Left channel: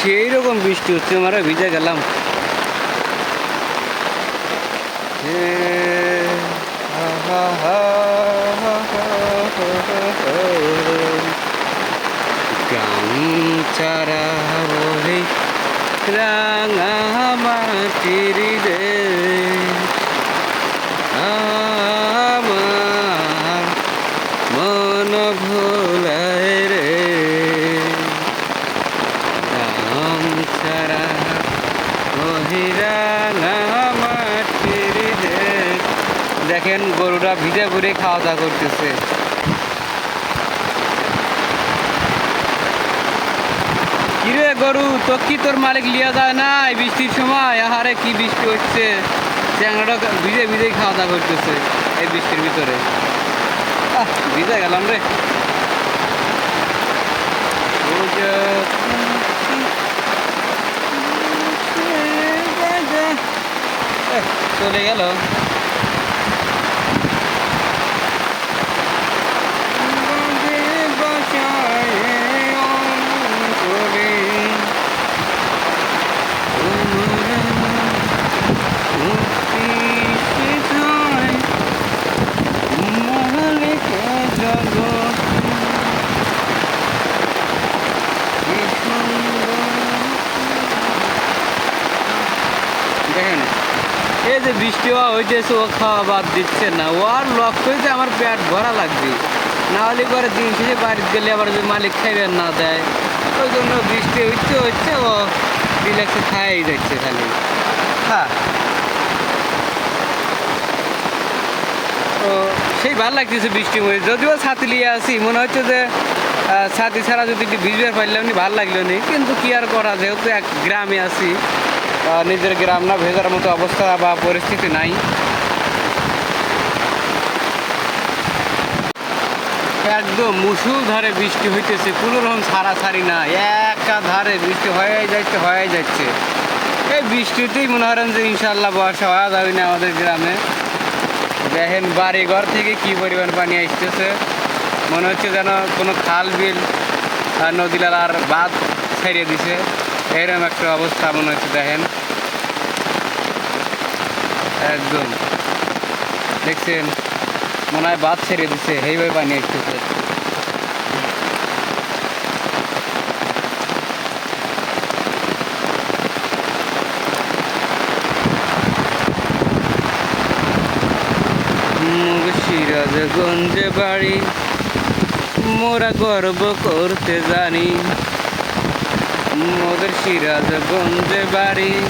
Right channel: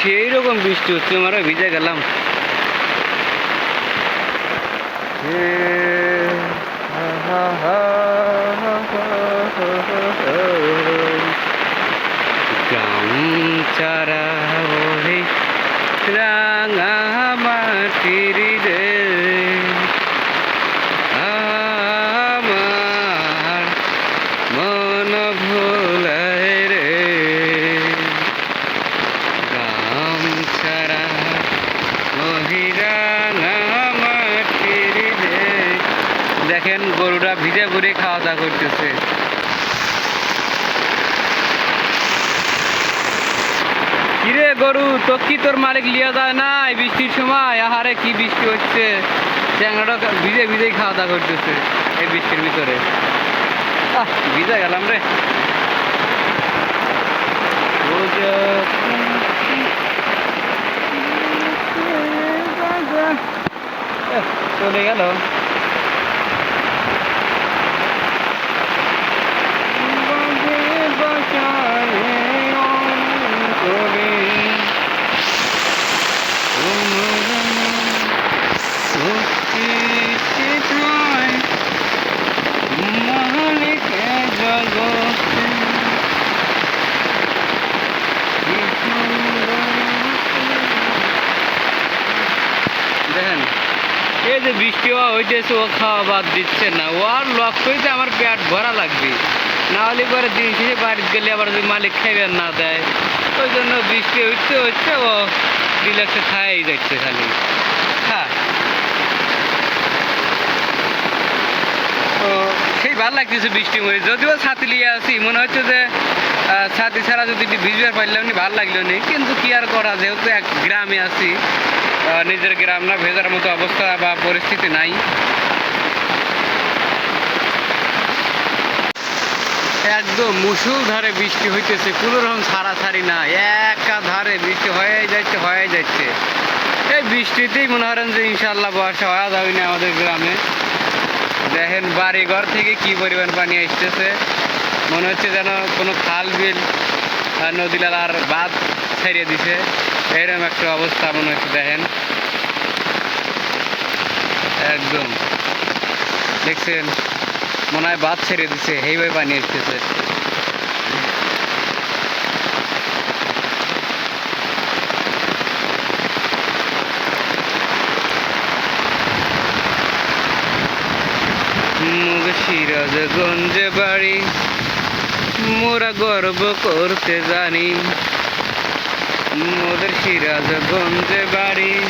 সেই রকম বৃষ্টি হচ্ছে আমরা ভিজে গেলাম। গামছারা বহে রাঙা মাটির রে আমার মন ভোলায় রে গামছারা মহিরাঙা মাটির রে দেখেন গরুটা ভিজে ঘুরে খাওয়া দাওয়া করতেছে কিরে গরু তো কি তোর মালিক লিয়া যায় না বৃষ্টির সময় আহারে কি বৃষ্টি হচ্ছে চ্যাংড়াটা ভিজে ভিজেই খাওয়া দাওয়া করতেছে এই বৃষ্টির ভিতরে ভিজে গেলাম রে চলে গেল বাঁধে বাসায় অন্তরে তোমরা সত্যি সেটাই মালিকে জগতে কি সুন্দর দেখেন এই যে বৃষ্টি হওয়া হইতেছে ও খাওয়া বাদ দিচ্ছে না। ও আর লক্ষ্যই যে আমার পেট ভরা লাগবে। না হলে পরে দিন শেষে বাড়িতে গেলে আবার যদি মালিক খাইবে না দেয়। ওই জন্য বৃষ্টি হচ্ছে হচ্ছে ও রিল্যাক্সে খাই যাচ্ছে খালি। হ্যাঁ। তো সেই ভালো লাগতেছে বৃষ্টির মধ্যে। যদিও ছাতি নিয়ে আসি মনে হচ্ছে যে ছাতি ছাড়া যদি ভিজবে পারলাম নি ভালো লাগল নি। কিন্তু কি আর করা যেহেতু এক গ্রামে আছি নিজের গ্রাম না, ভেজার মতো অবস্থা বা পরিস্থিতি নাই। একদম মুসুল ধারে বৃষ্টি হইতেছে কোনো রকম ছাড়া ছাড়ি না একা ধারে বৃষ্টি হয়ে যাচ্ছে হয়ে যাচ্ছে এই বৃষ্টিতেই মনে করেন যে ইনশাল্লাহ বর্ষা হওয়া যাবে না আমাদের গ্রামে। দেখেন বাড়ি ঘর থেকে কি পরিমাণ পানি আসতেছে। মনে হচ্ছে যেন কোনো খাল বিল নদীলার আর বাঁধ ছেড়ে দিছে। এরকম একটা অবস্থা মনে হচ্ছে, দেখেন। একদম। দেখছেন, মনে হয় বাদ ছেড়ে দিচ্ছে এইভাবে পানি আসতেছে মুগ সিরাজগঞ্জে বাড়ি, মোরা গর্ব করতে জানি। মোদের সিরাজগঞ্জে বাড়ি।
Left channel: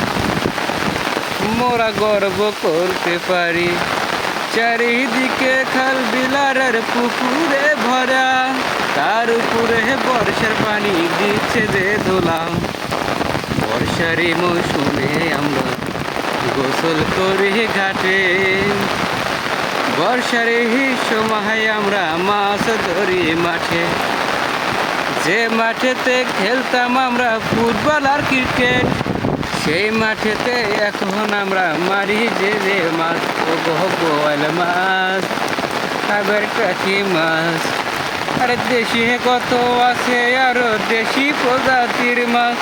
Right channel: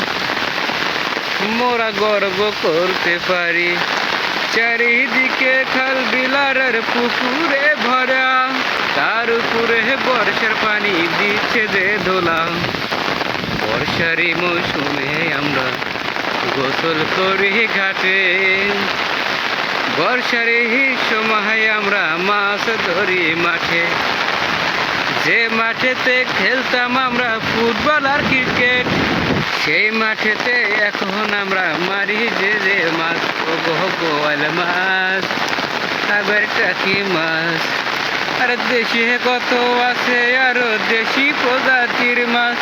মোরা গর্ব করতে পারি। চারিদিকে খাল বিলারের পুকুরে ভরা। তার উপরে বর্ষার পানি দিচ্ছে যে ধোলা। বর্ষারি মৌসুমে আমরা গোসল করি ঘাটে। বর্ষার সময় আমরা মাছ ধরি মাঠে। যে মাঠেতে খেলতাম আমরা ফুটবল আর ক্রিকেট, সেই মাঠেতে এখন আমরা মারি যে যে মাছ। ও গোয়াল মাছ সাগর টাকি মাছ? আর দেশি কত আছে আরও দেশি প্রজাতির মাছ।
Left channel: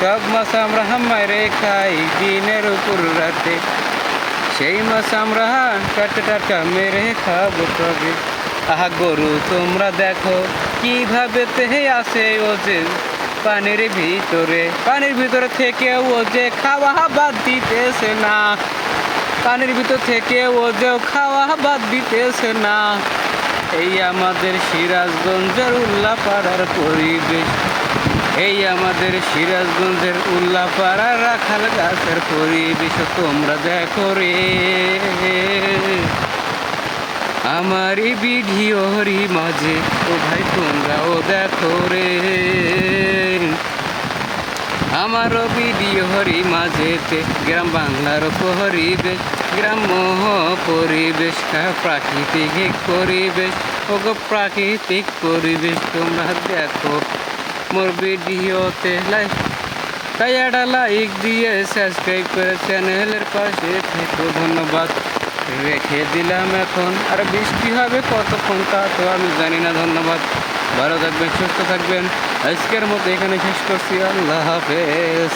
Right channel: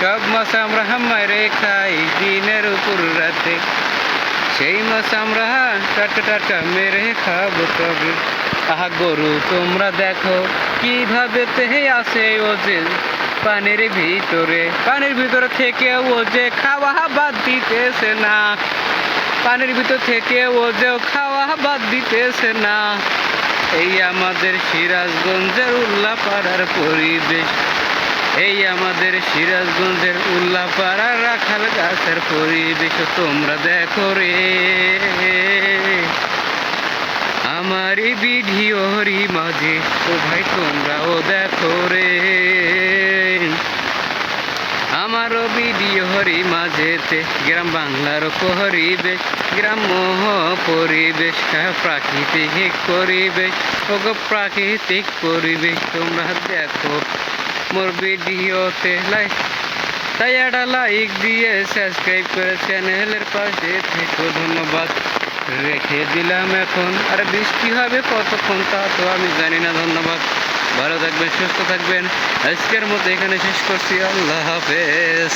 সব মাছ আমরা মারে খাই দিনের উপর রাতে। সেই মাছ আমরা টাটকা টাটকা মেরে খাব তবে আহা গরু, তোমরা দেখো কীভাবে তেহে আসে ও যে পানির ভিতরে। পানির ভিতরে থেকে ও যে খাওয়া বাদ দিতেছে না। পানির ভিতর থেকে ও যে খাওয়া বাদ দিতেছে না। এই আমাদের সিরাজগঞ্জের উল্লাপাড়ার পরিবেশ। এই আমাদের সিরাজগঞ্জের উল্লাপাড়া রাখাল গাছের পরিবেশ। তোমরা দেখো রে। আমারই বিধি হরি মাঝে। ও ভাই, তোমরাও দেখো রে। আমারও বিধি হরি মাঝেতে, গ্রাম বাংলার পরিবেশ, গ্রাম্য পরিবেশ প্রাকৃতিক পরিবেশ ও প্রাকৃতিক পরিবেশ, তোমরা দেখো। মোর ভিডিওতে লাইক তাই একটা লাইক দিয়ে সাবস্ক্রাইব করে চ্যানেলের পাশে থেকো। ধন্যবাদ। রেখে দিলাম এখন। আর বৃষ্টি হবে কতক্ষণ তা তো আমি জানি না। ধন্যবাদ। ভালো থাকবেন, সুস্থ থাকবেন। আজকের মতো এখানে শেষ করছি। আল্লাহ হাফেজ।